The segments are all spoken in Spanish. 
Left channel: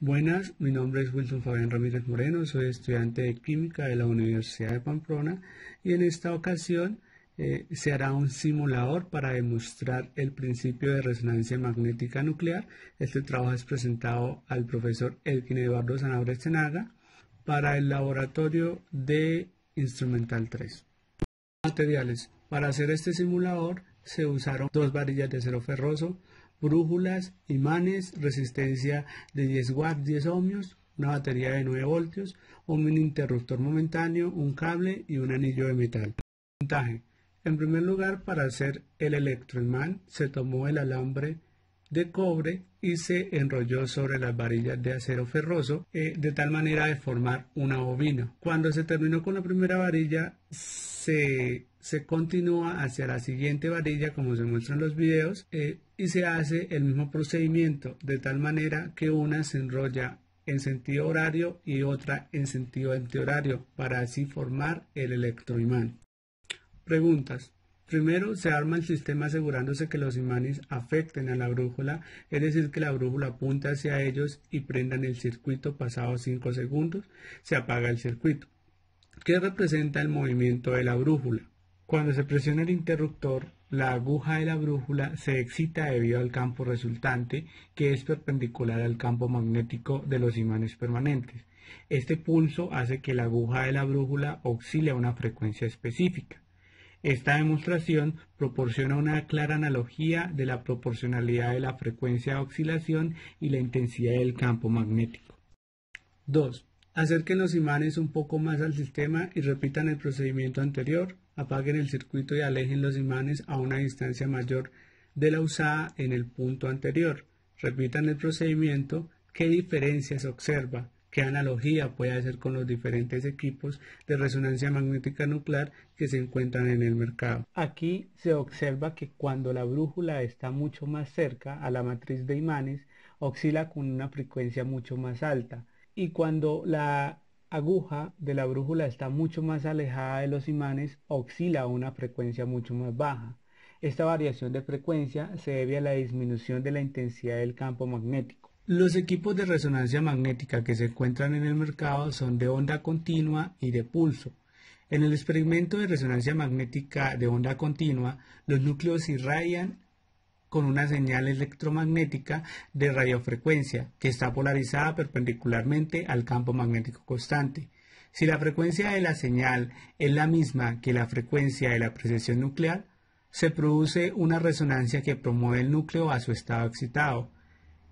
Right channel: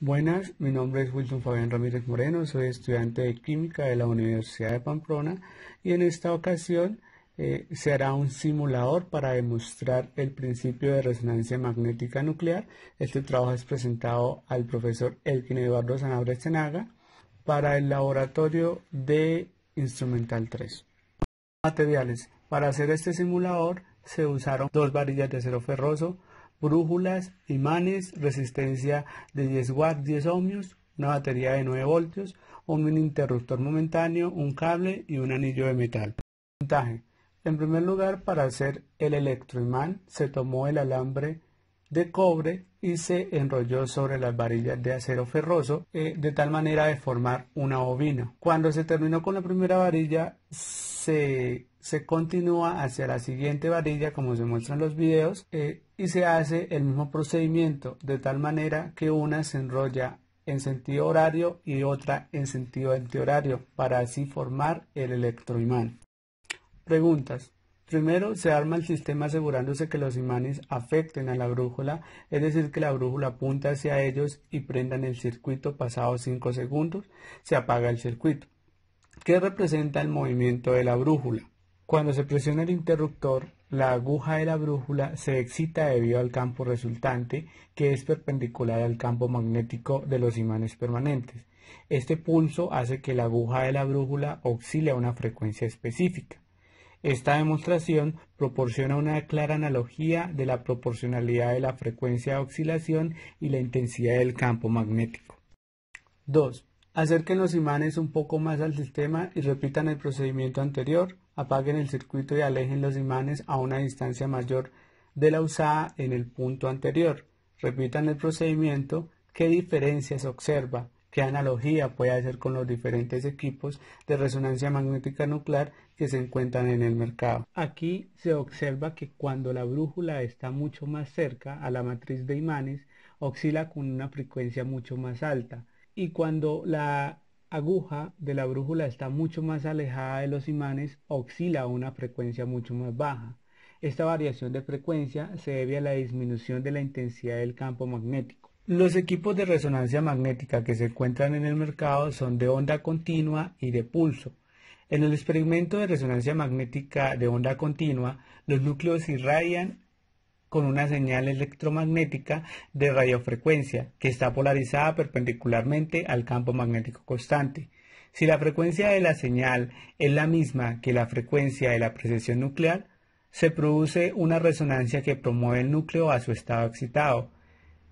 Buenas, mi nombre es Wilson Fabián Ramírez Moreno, soy estudiante de Química de la Universidad de Pamplona y en esta ocasión se hará un simulador para demostrar el principio de resonancia magnética nuclear. Este trabajo es presentado al profesor Elkin Eduardo Sanabria Echenaga para el laboratorio de Instrumental 3. Materiales. Para hacer este simulador se usaron dos varillas de acero ferroso, brújulas, imanes, resistencia de 10 watts, 10 ohmios, una batería de 9 voltios, un mini interruptor momentáneo, un cable y un anillo de metal. Montaje. En primer lugar, para hacer el electroimán se tomó el alambre de cobre y se enrolló sobre las varillas de acero ferroso de tal manera de formar una bobina. Cuando se terminó con la primera varilla se continúa hacia la siguiente varilla como se muestra en los videos y se hace el mismo procedimiento de tal manera que una se enrolla en sentido horario y otra en sentido antihorario para así formar el electroimán. Preguntas. Primero, se arma el sistema asegurándose que los imanes afecten a la brújula, es decir, que la brújula apunte hacia ellos y prendan el circuito. Pasados 5 segundos, se apaga el circuito. ¿Qué representa el movimiento de la brújula? Cuando se presiona el interruptor, la aguja de la brújula se excita debido al campo resultante, que es perpendicular al campo magnético de los imanes permanentes. Este pulso hace que la aguja de la brújula oscile a una frecuencia específica. Esta demostración proporciona una clara analogía de la proporcionalidad de la frecuencia de oscilación y la intensidad del campo magnético. 2. Acerquen los imanes un poco más al sistema y repitan el procedimiento anterior. Apaguen el circuito y alejen los imanes a una distancia mayor de la usada en el punto anterior. Repitan el procedimiento. ¿Qué diferencia se observa? ¿Qué analogía puede hacer con los diferentes equipos de resonancia magnética nuclear que se encuentran en el mercado? Aquí se observa que cuando la brújula está mucho más cerca a la matriz de imanes, oscila con una frecuencia mucho más alta, y cuando la aguja de la brújula está mucho más alejada de los imanes, oscila a una frecuencia mucho más baja. Esta variación de frecuencia se debe a la disminución de la intensidad del campo magnético. Los equipos de resonancia magnética que se encuentran en el mercado son de onda continua y de pulso. En el experimento de resonancia magnética de onda continua, los núcleos irradian con una señal electromagnética de radiofrecuencia que está polarizada perpendicularmente al campo magnético constante. Si la frecuencia de la señal es la misma que la frecuencia de la precesión nuclear, se produce una resonancia que promueve el núcleo a su estado excitado.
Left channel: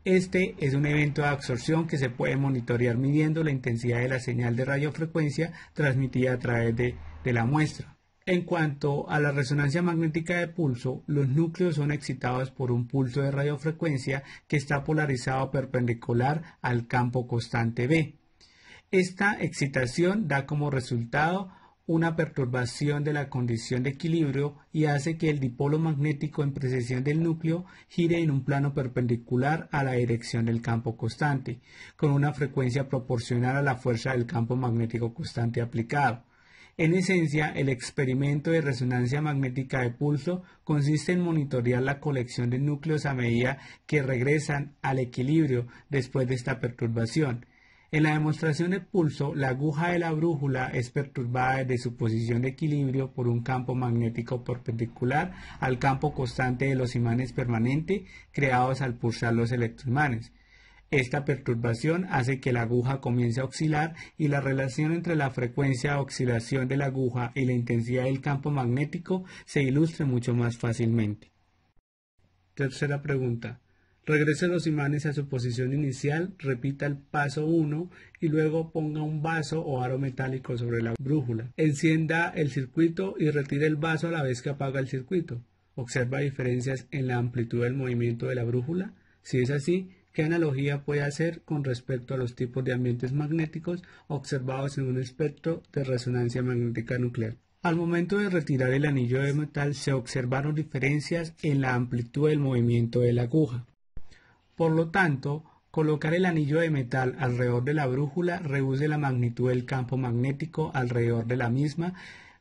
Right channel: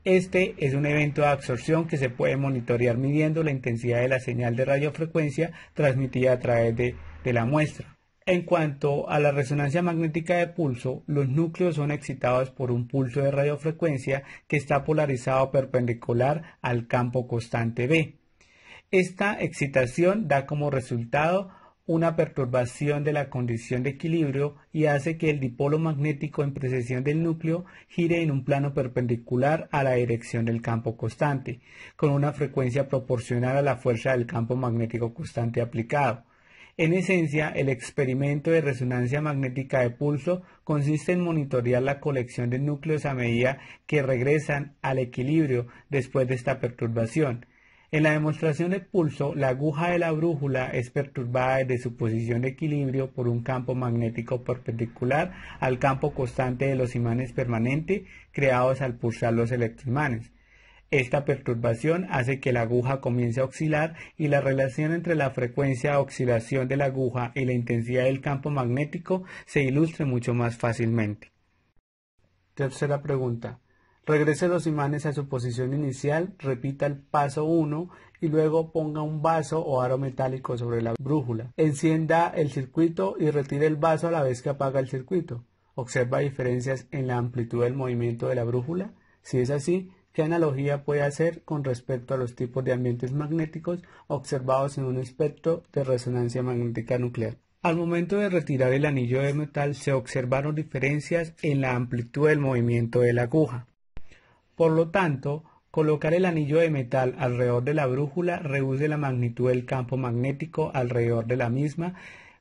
Este es un evento de absorción que se puede monitorear midiendo la intensidad de la señal de radiofrecuencia transmitida a través de la muestra. En cuanto a la resonancia magnética de pulso, los núcleos son excitados por un pulso de radiofrecuencia que está polarizado perpendicular al campo constante B. Esta excitación da como resultado una perturbación de la condición de equilibrio y hace que el dipolo magnético en precesión del núcleo gire en un plano perpendicular a la dirección del campo constante, con una frecuencia proporcional a la fuerza del campo magnético constante aplicado. En esencia, el experimento de resonancia magnética de pulso consiste en monitorear la colección de núcleos a medida que regresan al equilibrio después de esta perturbación. En la demostración de pulso, la aguja de la brújula es perturbada desde su posición de equilibrio por un campo magnético perpendicular al campo constante de los imanes permanentes creados al pulsar los electroimanes. Esta perturbación hace que la aguja comience a oscilar y la relación entre la frecuencia de oscilación de la aguja y la intensidad del campo magnético se ilustre mucho más fácilmente. Tercera pregunta. Regrese los imanes a su posición inicial, repita el paso 1 y luego ponga un vaso o aro metálico sobre la brújula. Encienda el circuito y retire el vaso a la vez que apaga el circuito. ¿Observa diferencias en la amplitud del movimiento de la brújula? Si es así, ¿qué analogía puede hacer con respecto a los tipos de ambientes magnéticos observados en un espectro de resonancia magnética nuclear? Al momento de retirar el anillo de metal se observaron diferencias en la amplitud del movimiento de la aguja. Por lo tanto, colocar el anillo de metal alrededor de la brújula reduce la magnitud del campo magnético alrededor de la misma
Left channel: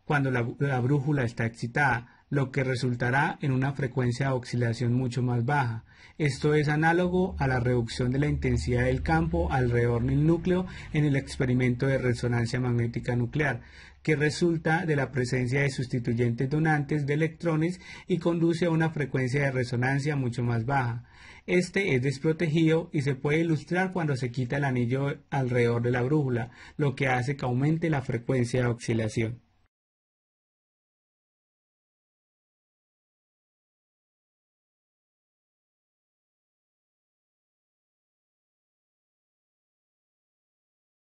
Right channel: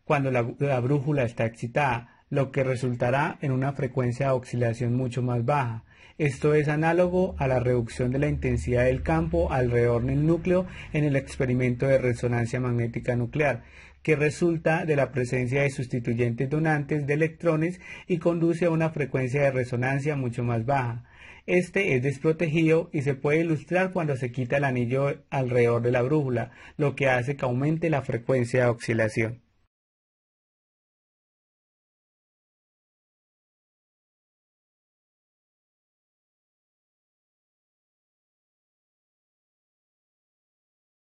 cuando la brújula está excitada. lo que resultará en una frecuencia de oscilación mucho más baja. Esto es análogo a la reducción de la intensidad del campo alrededor del núcleo en el experimento de resonancia magnética nuclear, que resulta de la presencia de sustituyentes donantes de electrones y conduce a una frecuencia de resonancia mucho más baja. Este es desprotegido y se puede ilustrar cuando se quita el anillo alrededor de la brújula, lo que hace que aumente la frecuencia de oscilación.